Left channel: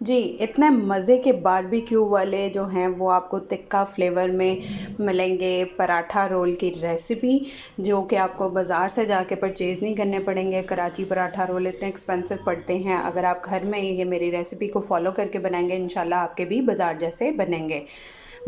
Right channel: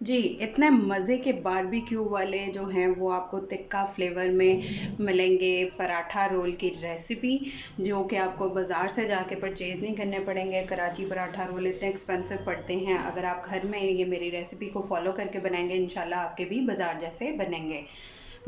जी, इतने मज़े के बारबेक्यू वाले जो हैं वो आपको तिक्का फ्लेवर में मिलेंगे पराठा रोल की रेसिपी, जो कि आपको बाज़ार से जाके परचेज़ नहीं करने पड़ेंगे। कराची पराठा रोल इतने एक्सपेंसिव पड़ते हैं, अगर आप घर में ये मेरी रेसिपी को फ़ॉलो करके बनाएंगे इंशाल्लाह आपके भी बाज़ार जैसे बनेंगे।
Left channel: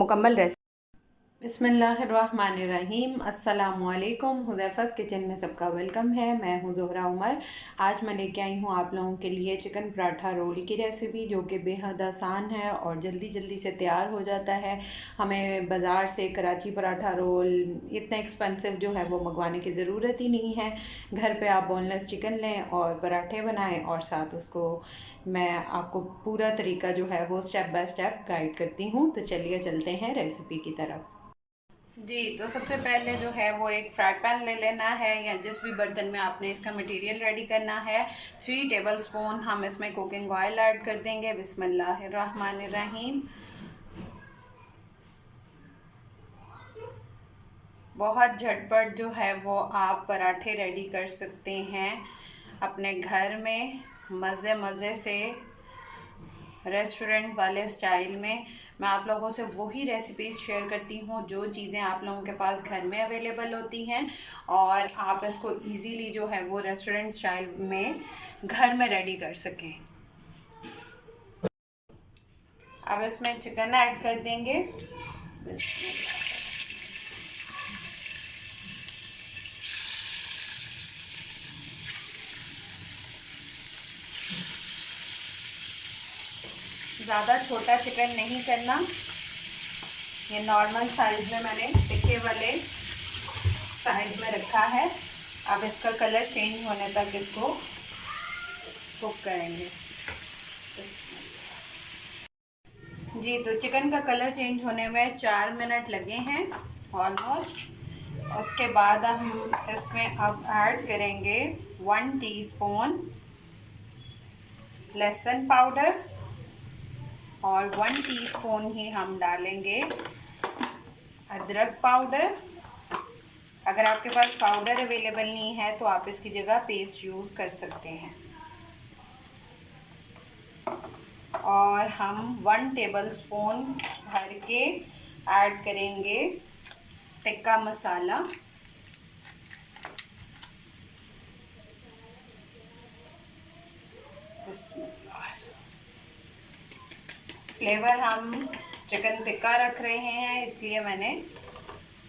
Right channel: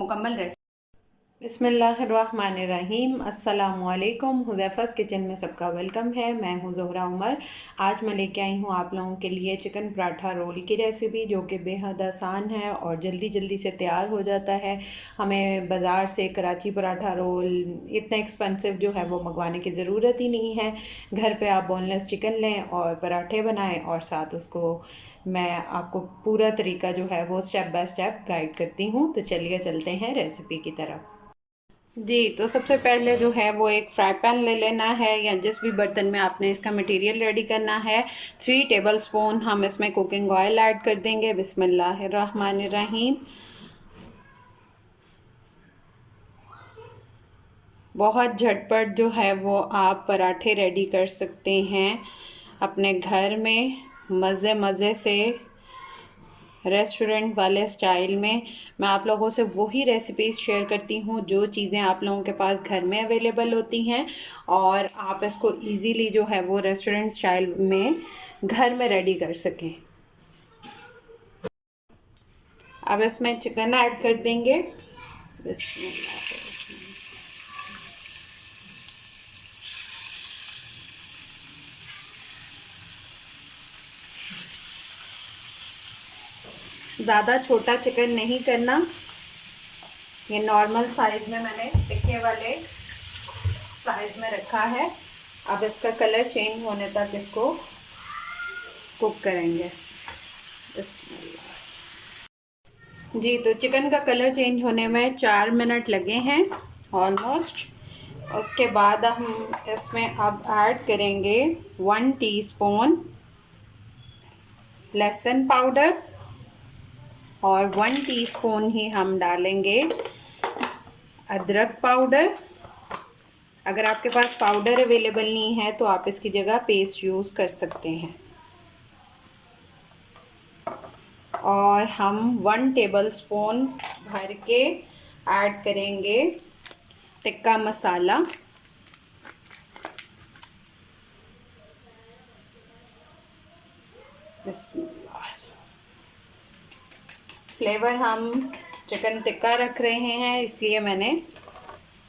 मुकम्मल रेसिपी। बिस्मिल्लाहिर्रहमानिर्रहीम। अस्सलामुअलैकुम। हुज़ैफ़ा's किचन में सबका वेलकम है। मैं हूँ ज़ोहरा उमर। आज मैं लेके आई हूँ आप लोगों के लिए चिकन पराठा रोल की रेसिपी, जो कि बेहद आसान है और जल्दी जल्दी से तैयार हो जाता है। हमें बाज़ार से कराची पराठा रोल इतना एक्सपेंसिव जो है वो मंगवाने की ज़रूरत ही नहीं है। घर पे आप बोनलेस चिकन लें और पराठे बनाएं और साथ उसको मैं आपको पूरा तरीका जो है वो स्टेप बाय स्टेप गाइड करती हूँ। तो चलिए चलते हैं रेसिपी की तरफ। जी, तो सबसे पहले जो है वो एक फ्राई पैन ले लेना है, या जिस भी बर्तन में आपने इसका मटेरियल रेडी करना है। 3 टेबलस्पून हम इसमें कुकिंग ऑयल ऐड कर देंगे। बिस्मिल्लाहिर्रहमानिर्रहीम। बहुत झटपट जो है वो आप पराठे रेडी कर सकते हैं अपने घर में, मज़े मज़े से, रेस्टोरेंट वाले स्टाइल में। मैं आप लोगों से वही रेसिपीज़ शेयर करती हूँ जो चीज़ें आप लोगों के पास घर में अवेलेबल होती हैं, और आप इसको इजीली जो है वो रेस्टोरेंट स्टाइल में घर में रेडी कर सकें। अब इसमें चिकन ऐड कर देंगे। ज़्यादा छोटा चिकन नहीं करना, ये नॉर्मल साइज़ में मैंने टिक्के वाले साइज़ में रखा है। अब इसका कलर चेंज होने तक इसको कुक करेंगे। जी, तो चिकन का कलर चेंज होने में 4 मिनट लगे हैं ऑलमोस्ट। उसके बाद हम इसमें अब ऐड करेंगे 1 टीस्पून लहसुन पाउडर, और 1 टीस्पून ही हम डालेंगे अदरक पाउडर। अगर आपके पास पाउडर अवेलेबल नहीं है तो आप इसकी जगह पेस्ट यूज़ कर सकते हैं। और हम 1 टेबलस्पून भर के ऐड करेंगे टिक्का मसाला। फ्लेवर हम चिकन टिक्का रख रहे हैं, इसलिए मैंने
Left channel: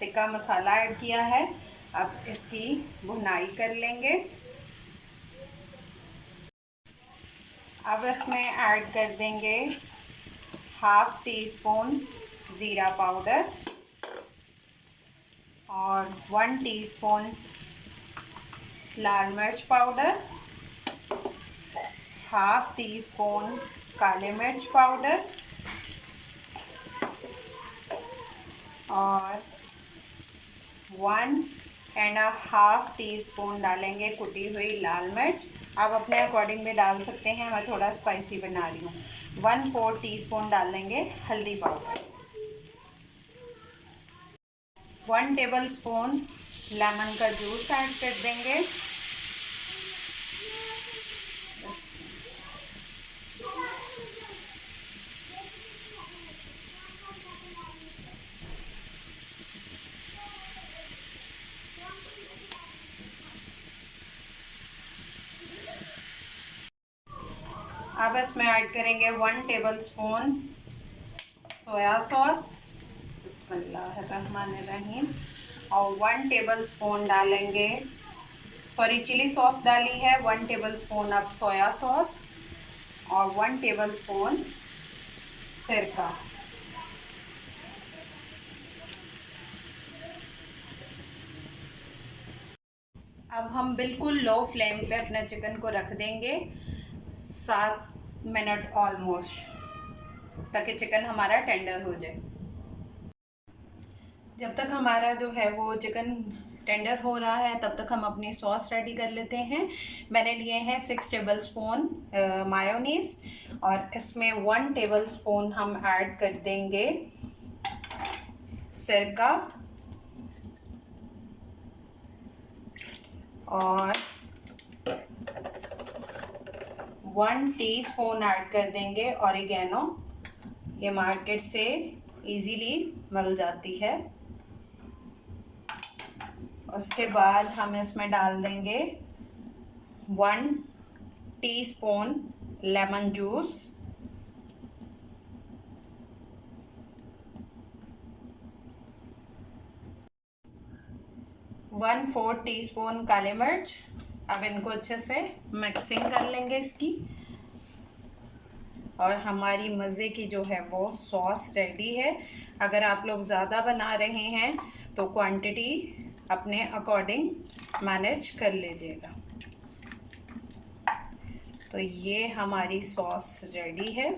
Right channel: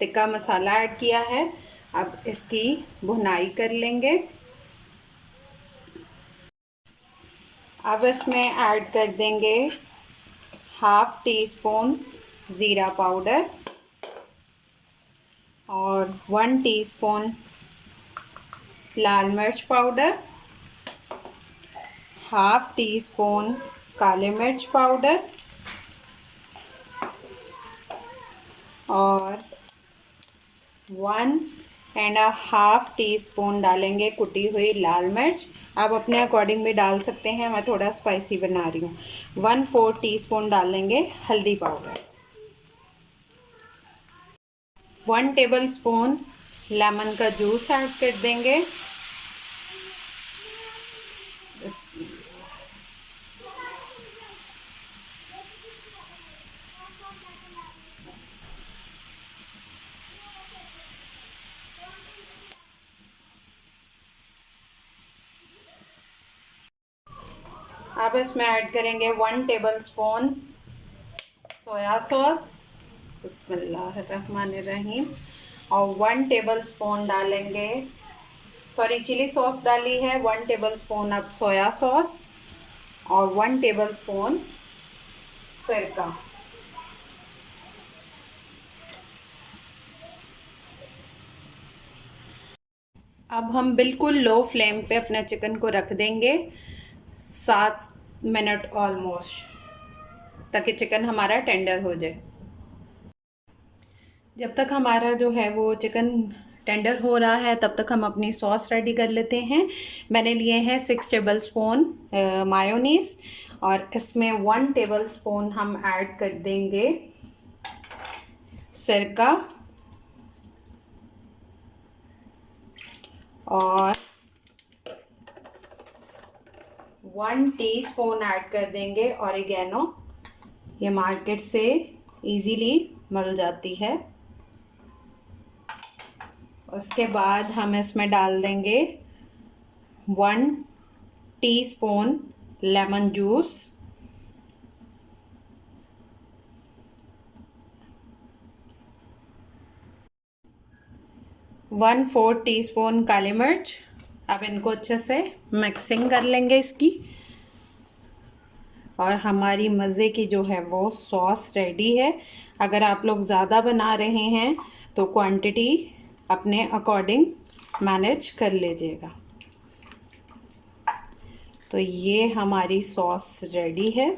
टिक्का मसाला ऐड किया है। अब इसकी भुनाई कर लेंगे। अब इसमें ऐड कर देंगे 1/2 टीस्पून ज़ीरा पाउडर और 1 टीस्पून लाल मिर्च पाउडर, 1/2 टीस्पून काले मिर्च पाउडर, और 1.5 टीस्पून डालेंगे कुटी हुई लाल मिर्च। आप अपने अकॉर्डिंग भी डाल सकते हैं, मैं थोड़ा स्पाइसी बना रही हूँ। 1/4 टीस्पून डालेंगे हल्दी पाउडर। 1 टेबलस्पून लेमन का जूस ऐड कर देंगे। अब इसमें ऐड करेंगे 1 टेबलस्पून सोया सॉस। बिस्मिल्लाहिर्रहमानिर्रहीम। और 1 टेबलस्पून डालेंगे, सॉरी चिली सॉस डाली है, 1 टेबलस्पून अब सोया सॉस, और 1 टेबलस्पून सिरका। अब हम बिल्कुल लो फ्लेम पे अपने चिकन को रख देंगे 7 मिनट ऑलमोस्ट, ताकि चिकन हमारा टेंडर हो जाए। जब तक हमारा जो है वो चिकन टेंडर हो रहा है तब तक हम अपनी सॉस रेडी कर लेते हैं। मैंने लिए हैं 6 टेबलस्पून मायोनीज़, और इसमें 1 टेबलस्पून हम ऐड कर देंगे सिरका, और 1 टीस्पून ऐड कर देंगे ऑरिगेनो। ये मार्केट से इजीली मिल जाती है। उसके बाद हम इसमें डाल देंगे 1 टीस्पून लेमन जूस, 1/4 टीस्पून काली मिर्च। अब इनको अच्छे से मिक्सिंग कर लेंगे इसकी, और हमारी मज़े की जो है वो सॉस रेडी है। अगर आप लोग ज़्यादा बना रहे हैं तो क्वांटिटी अपने अकॉर्डिंग मैनेज कर लीजिएगा। तो ये हमारी सॉस रेडी है।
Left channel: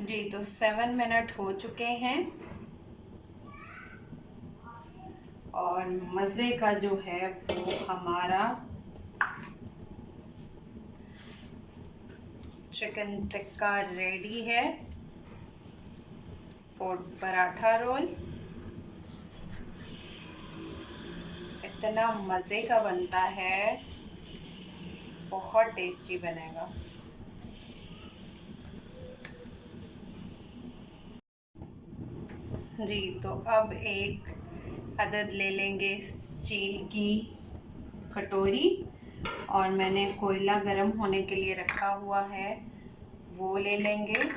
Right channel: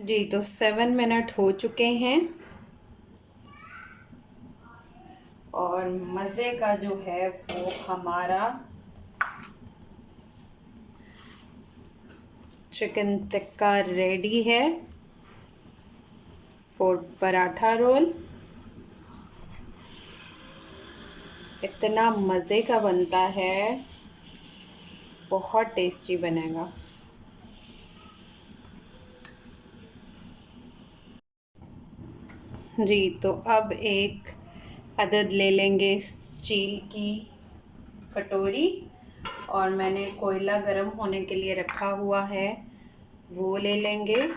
जी, तो 7 मिनट हो चुके हैं और मज़े का जो है वो हमारा चिकन टिक्का रेडी है फॉर पराठा रोल। इतना मज़े का बनता है, बहुत टेस्टी बनेगा। जी, तो अब एक अदद ले लेंगे स्टील की कटोरी, और मैंने कोयला गरम होने के लिए रखा हुआ है, वो ले लेंगे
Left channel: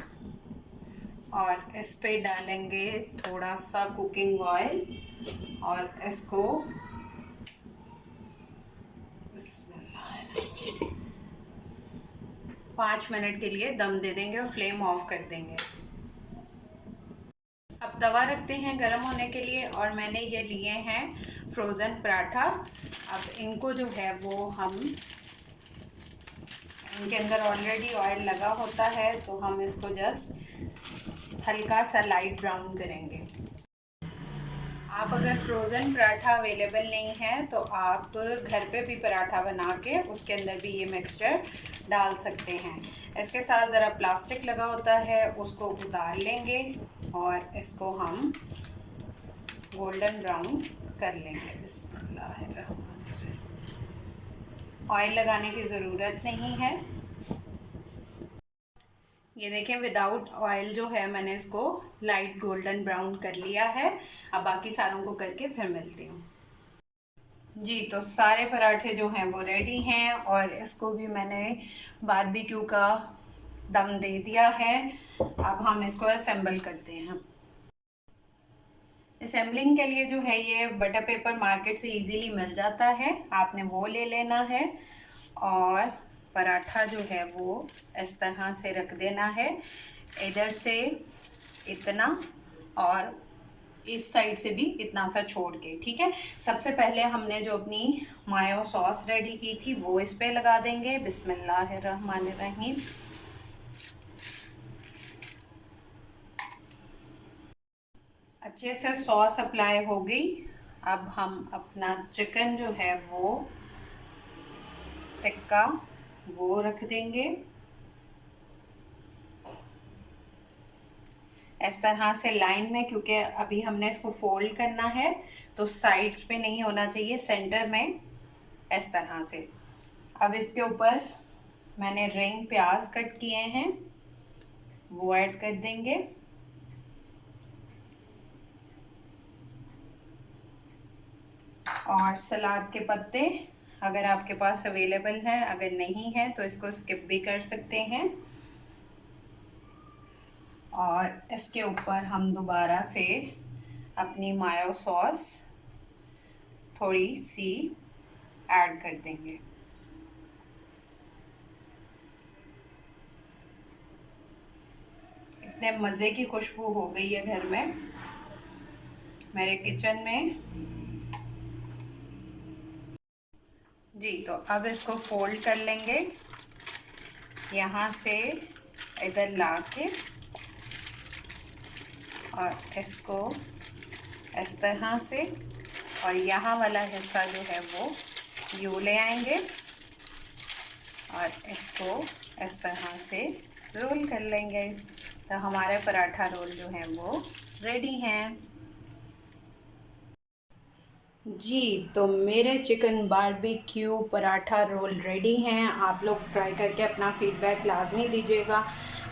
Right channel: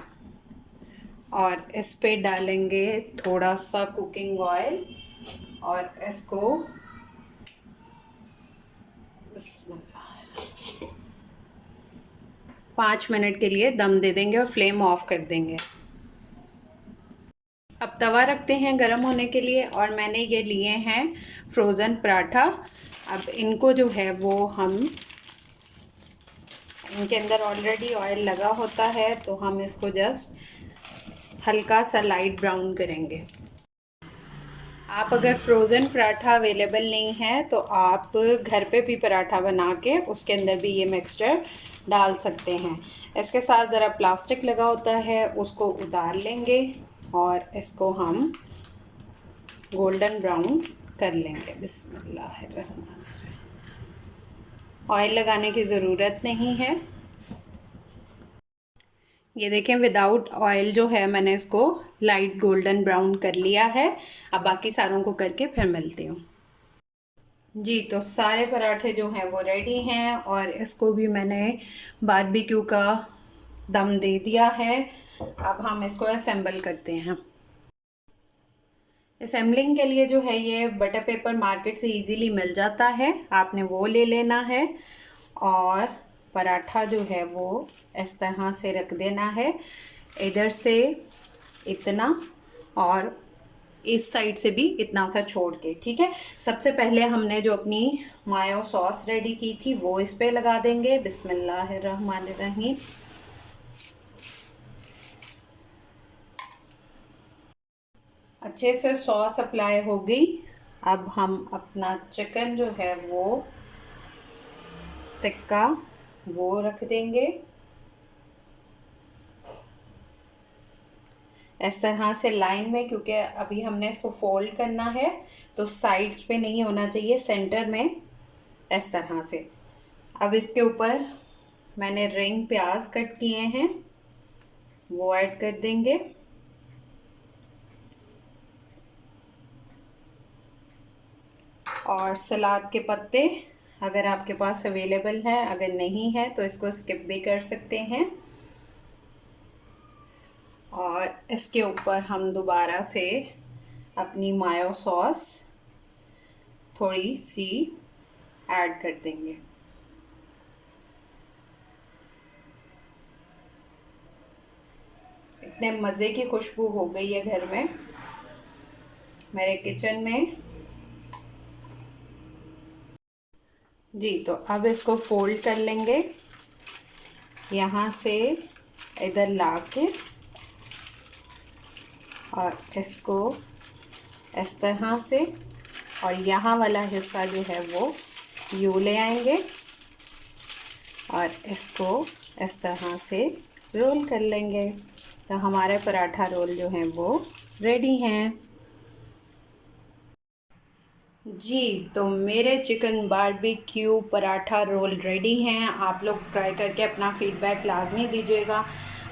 और इस पे डालेंगे थोड़ा सा कुकिंग ऑयल और इसको 5 मिनट के लिए दम दे देंगे और फ्लेम ऑफ कर देंगे। अब तवा रखते हैं गरम होने के लिए, और मैंने ये लिए हैं फ्रोज़न पराठा। अब इनको जो है वो हम, इनके अंदर ऑलरेडी ऑयल लगा होता है, तो हम इसको जस्ट हल्का सा लाइट ब्राउन करेंगे। आप अगर फ्रोज़न पराठा अवेलेबल नहीं है तो आप घर पे भी पराठा बना के उसके अंदर भी ये मिक्सचर डाल सकते हैं। इसके साथ ज़रा प्लास्टिक लगा होता है, उसको उतार लेंगे और इसको हम गोल्डन ब्राउन कर लेंगे। बिस्मिल्लाहिर्रहमानिर्रहीम। ऑयल लगाने की ज़रूरत नहीं है। ये देखें, विदाउट ऑयल जो है मैंने इसको लाइट गोल्डन ब्राउन कर लिया है। अब बाकी सारों को करके फिर मिलती हूँ। जी, तो सारे पराठे जो हैं वो रेडी हैं और इसको भी मैंने बारबेक्यू का दम दे दिया है। अब हम इसको असेंबल करते हैं। असेंबलिंग के लिए जो है ये बटर पेपर मार्केट से इजीली मिल जाता है, आपने वो ले लेना है और पराठा जो है वो इस तरह से रख देना है, इधर से इतना और इस साइड से भी इतना सा छोड़ के, ठीक है। सबसे पहले हमने जो अपनी मायो सॉस रेडी की थी वो इस पे लगा देंगे। बिस्मिल्लाहिर्रहमानिर्रहीम। अच्छे से सॉस अप्लाई हो गई। अब हम अपना चिकन जो है वो टिक्का वो रख देंगे इस तरह से लाइन में, क्योंकि अभी हमने इसको फोल्ड करना है तो साइड्स पे नहीं होना चाहिए, सेंटर में इस तरह से। अब इसके ऊपर मैंने रिंग प्याज कट किए हैं वो ऐड कर देंगे, और सलाद के पत्ते अगर आपके पास अवेलेबल है, अगर नहीं है तो इसको स्किप भी कर सकते हैं। और इसके ऊपर हम दोबारा से अपनी मायो सॉस थोड़ी सी ऐड कर देंगे। इतने मज़े की खुशबू हो गई है घर में, मेरे किचन में। जी, तो अब इसको फोल्ड कर लेंगे, यहाँ से इधर ला के, और इसको इस तरह से, और यहाँ वाला हिस्सा जो है वो यूँ ले आएंगे और इसको इस तरह से रोल कर लेंगे। तो हमारे पराठा रोल जो हैं वो रेडी हैं। जी, तो मेरे chicken barbecue paratha roll ready हैं। आप लोग ट्राई करके अपना फ़ीडबैक लाज़मी दीजिएगा।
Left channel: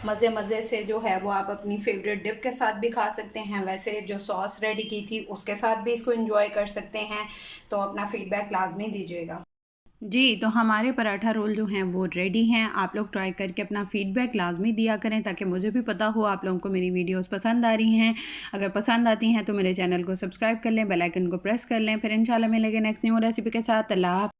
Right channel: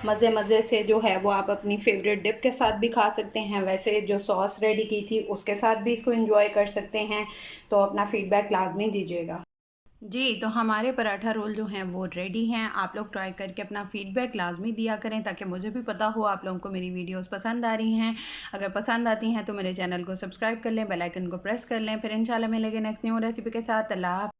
मज़े से जो है वो आप अपनी फेवरेट डिप के साथ भी खा सकते हैं, वैसे जो सॉस रेडी की थी उसके साथ भी इसको एंजॉय कर सकते हैं। तो अपना फ़ीडबैक लाज़मी दीजिएगा। जी, तो हमारे पराठा रोल जो हैं वो रेडी हैं। आप लोग ट्राई करके अपना फ़ीडबैक लाज़मी दिया करें ताकि मुझे भी पता हो आप लोगों को मेरी वीडियोस पसंद आ रही हैं। अगर पसंद आती हैं तो मेरे चैनल को सब्सक्राइब कर लें, बेल आइकन को प्रेस कर लें। फिर इंशाल्लाह मिलेंगे नेक्स्ट न्यू रेसिपी के साथ। अल्लाह हाफ़िज़।